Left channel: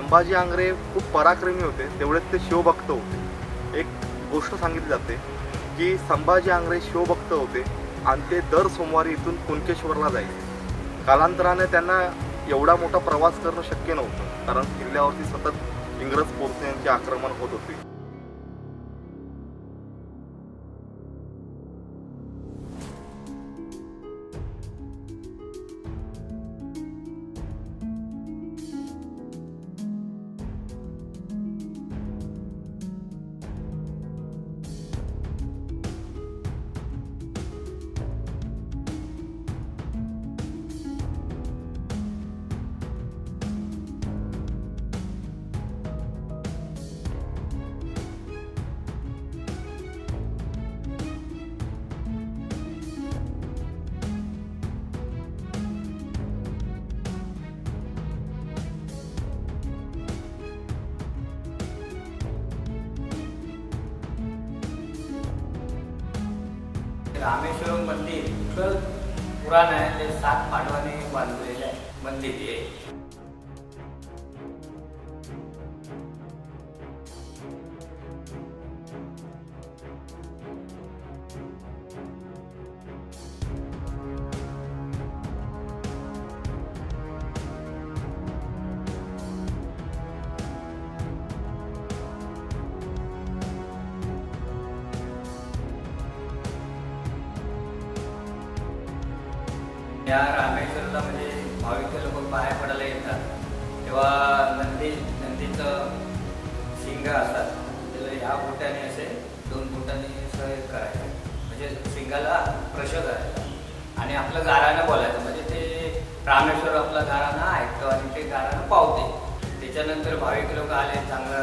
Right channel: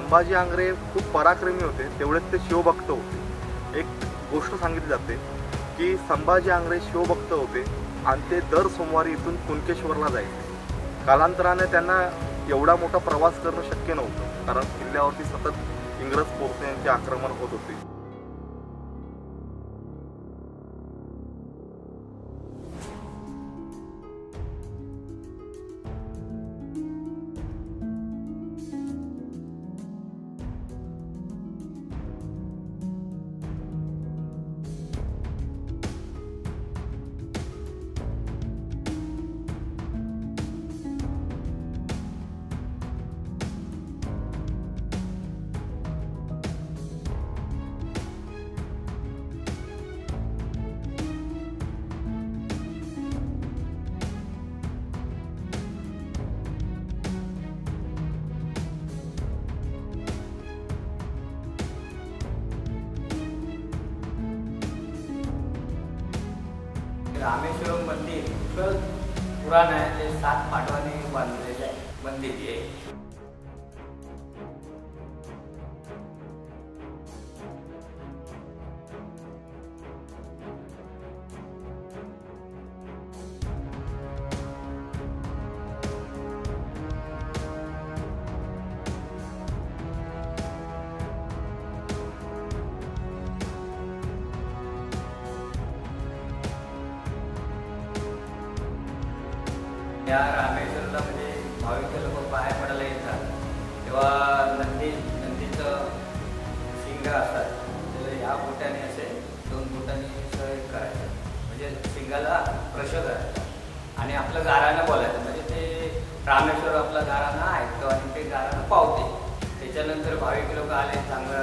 संभाजी आंग्रे खूप पराक्रमी होते, तेवढेच ते शिवभक्त होते। एक गोष्ट सांगितली जाते की संभाजी आंग्रे शिवभक्त होते आणि ते दर सोमवारी इथून कुणकेश्वरला जायचे। कालांतराने त्यांना एवढा मोठा प्रवास करणं शक्य नव्हतं, कारण किल्ल्यावरती सतत इंग्रज पोर्तुगीजांचे आक्रमण होत होते। रामेश्वरम मंदिर पुराण आहे, ते 7 पांडवांनी बांधलेले आहे मंदिर आहे। या रामेश्वरला म्हणजे भाविक लोक पाया पडायला येतात, तेव्हा नंदीचं शिंग असतात, त्याला ह्या बोटाने असे 2 बोटाने असं करायचं, म्हणजे शिंगाला स्पर्श करायचा आणि आपलं गारानं बोलायचं, म्हणजे ते रामेश्वर आपला गारानं ऐकतो आणि ते गारानं पावते। त्याच्यानंतर भाविक लोक आले, चांगलं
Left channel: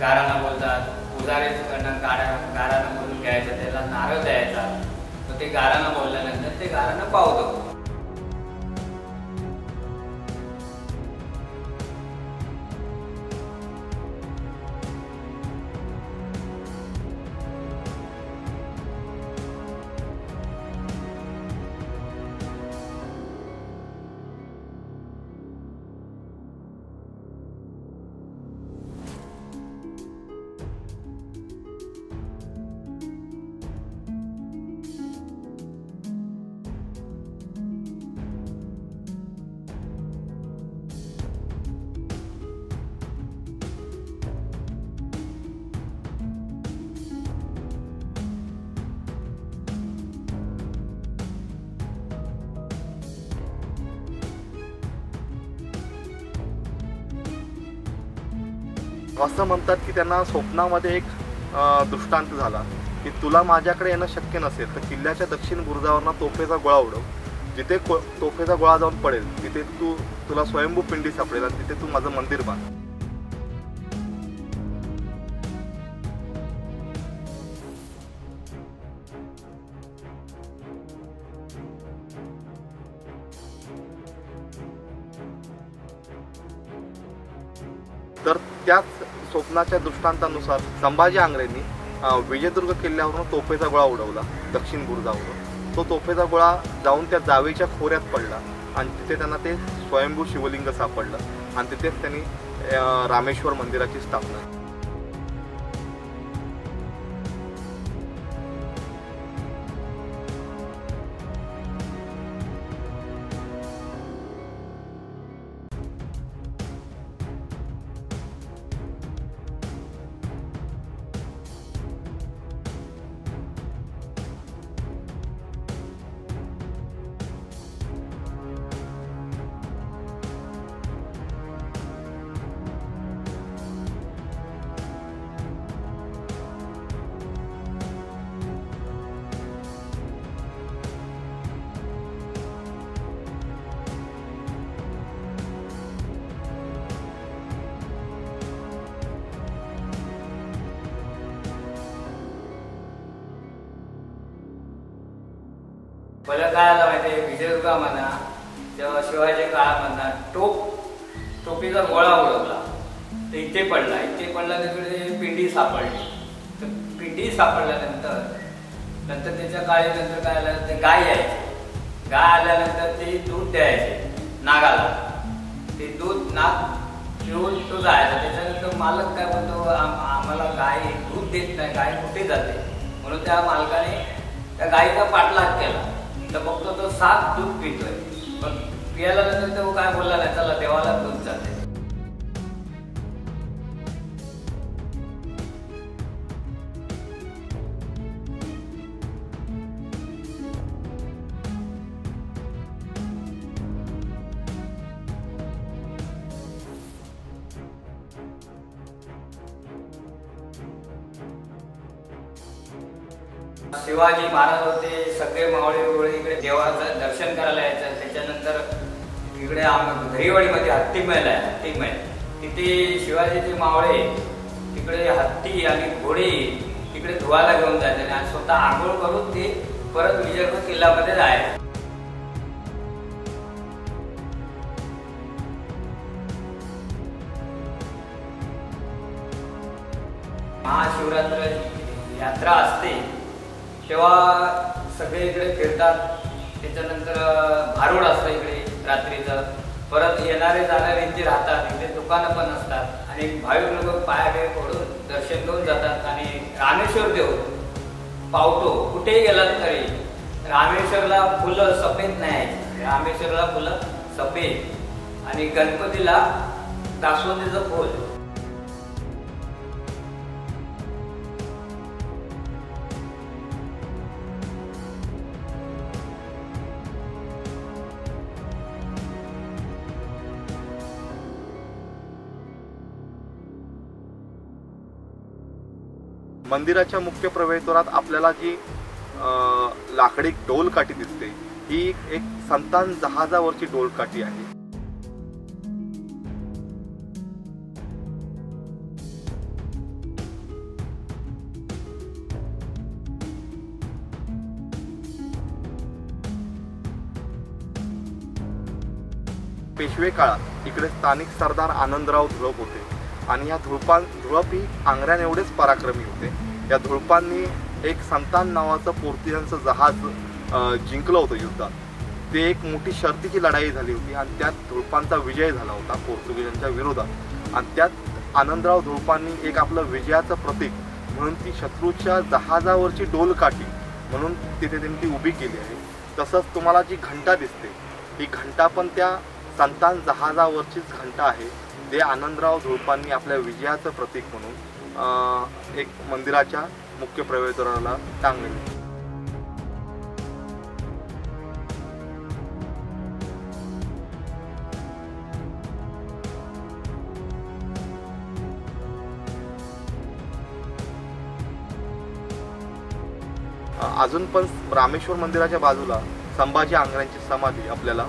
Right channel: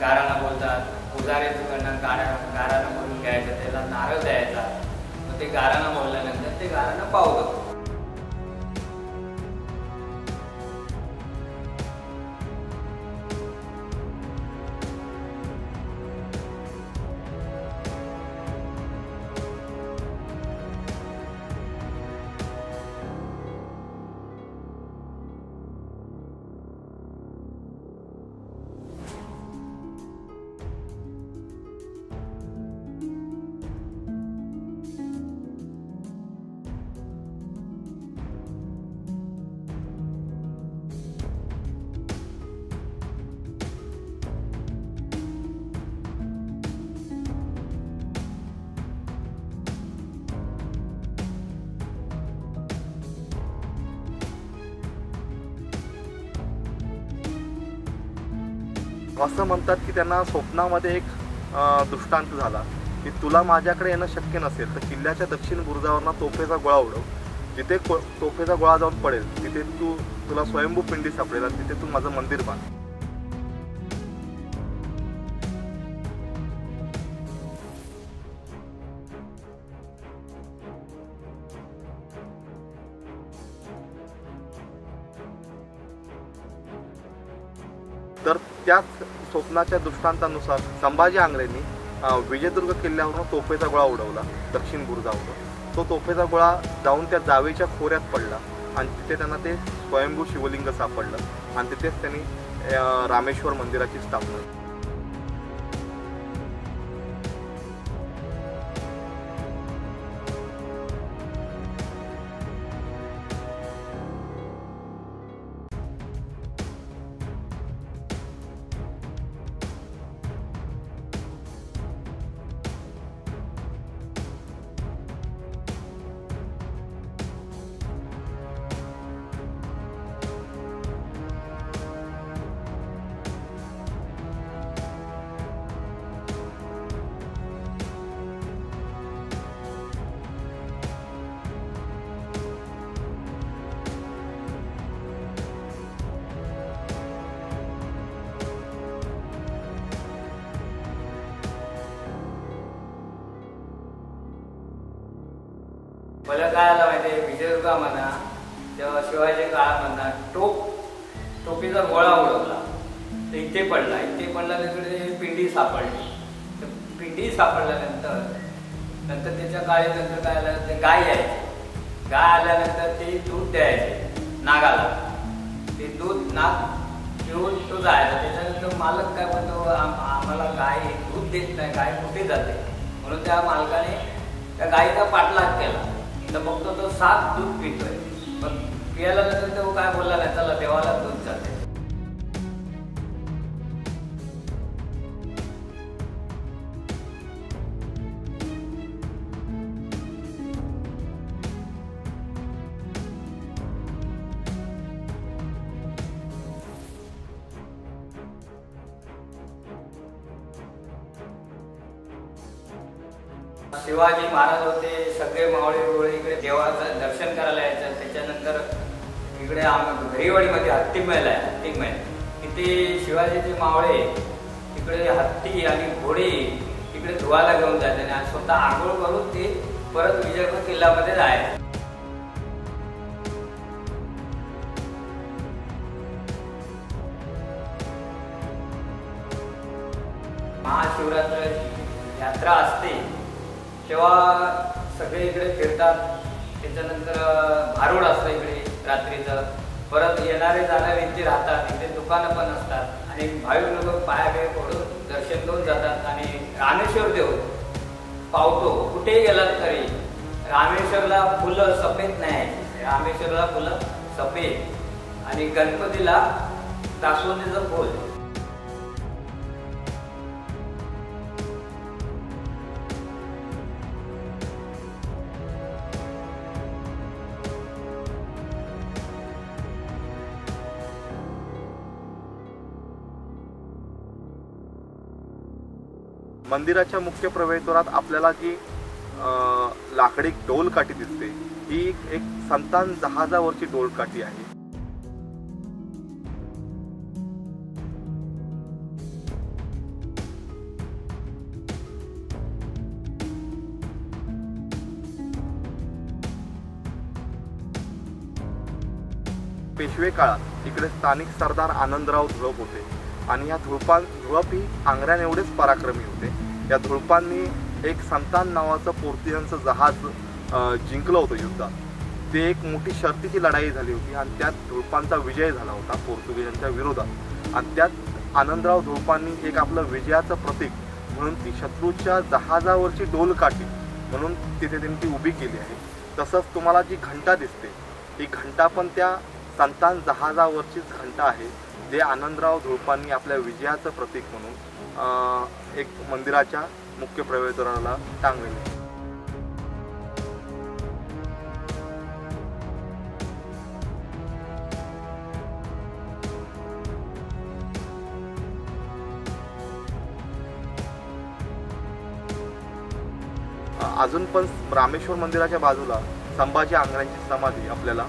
गारानं बोलतात, पुजाऱ्याकडनं गारानं बोलून घ्यायचं, त्याला नारळ द्यायचा, मग ते गारानं बोलल्यानंतर ते गारानं पावतो। असं म्हणतात की त्यांना स्वप्नामध्ये एक दृष्टांत झाला की तुला माझ्याकडे येणं शक्य नसेल तर किल्ल्याच्या दक्षिण बुरुजावरनं तोफेचा गोळा उडव, जिथे तोफेचा गोळा जाऊन पडेल तिथे तुला स्वयंभू पिंडी सापडेल आणि तिथे तू माझं मंदिर बांध। तर त्याच स्वप्नाच्या दृष्टांतानुसार संभाजी आंग्रेंनी विजयदुर्ग किल्ल्यावरून तोफेचा गोळा उडवला दक्षिण बुरुजावरून। तो तोफेचा गोळा जाऊन त्या जावेच्या खोऱ्यात पडला आणि तिथे त्यांना ते स्वयंभू शिवलिंग सापडलं आणि तिथेच त्यांनी रामेश्वर मंदिराची स्थापना। पहिल्या काळाला माहिती विजयदुर्ग म्हणा तेव्हा शिवाजी काळामधला टोपीचा गोळा उडवला तर इथे पडला तिकडे पिंडी सापडली। तर पिंडी सापडल्यानंतर त्याच्या काळानंतर काय आलं ते गाय यायचे, गाय आल्यानंतर ते दूध द्यायचे नागाला, ते दूध नाग पिऊन तो जायचा. त्याच्यानंतर मालक काय म्हणतो, आम्हाला गाय दूध देत नाही, गाय कुठे जाते, म्हणून त्या मालकाने त्या गायीचा पाठलाग केला. तर बघतो तो साफ दूध पितोय, पण पियाला नंतर तो काय बोलला नाही, चला देवाला दूध जाते. शिवाजी महाराज होते, सगळे मावळे बिवळे इकडे देवाचं दर्शन करायला यायचं. त्याच्यानंतर इकडे दहीवाडीमध्ये हत्ती महल आहे, हत्ती महल. तिथे शिवाजीचे मावळे तिकडे हत्ती आणि घोडे तिकडे धुवायला घेऊन जायचे आणि स्वतः आंघोळ करून ते परत विजयपूर किल्ल्यामध्ये जायचे. महाशिवरात्र यात्रा असते तेव्हा सगळे इकडे फिरतात. त्याच्यानंतर भारूड असतं इकडे रात्रीचं. परत येणारे जाणारे इथे राहतात, इथे दुकानं पण असतात आणि भाविक लोक पाया पडून दर्शन घेऊन जातात. आणि रामेश्वर देव पावतो, कुठेही गेलात तरी रामेश्वरला फुलं सफेद नाही, रामेश्वरला फुलं सफेद. आणि गणपतीला जास्वंदीचं फुल. मंदिराच्या मुख्य प्रवेशद्वारात आपल्याला जी लाकडी डोलकाठी दिसते, ही एक संतान जहाजावरची डोलकाठी आहे. पेशवे काळात इकडे स्थानिक सरदार आनंदराव धुळप होते आणि या धुळप ही आंग्र्यान एवढेच पराक्रमी होते. या धुळपांनी एक संतान नावाचं पोर्तुगीजांचं जहाज जिंकलं होतं युद्धात. ते एक मोठी शर्तीची लढाई झाली होती आणि त्यात धुळपांचा विजय झाला होता पोर्तुगीजांच्या विरोधात. आणि त्यात आनंदराव धुळपांनी एक आपलं विजयाचं प्रतीक म्हणून ती शत्रूच्या जहाजावरची डोलकाठी म्हणून तिथे त्यांनी ती उभी केली आहे. तसंच तुम्हाला जी घंटा दिसते, ही घंटा पण त्या संतान जहाजावरचीच घंटा आहे. ते आनंदराव धुळपांनी आपल्या विजयाचं प्रतीक म्हणून एक मंदिराच्या मुख्य प्रवेशद्वाराला टांगलेले. अजून पण रामेश्वर मंदिराच्या बाजूला संभाजी आंग्र्यांची समाधी आपल्याला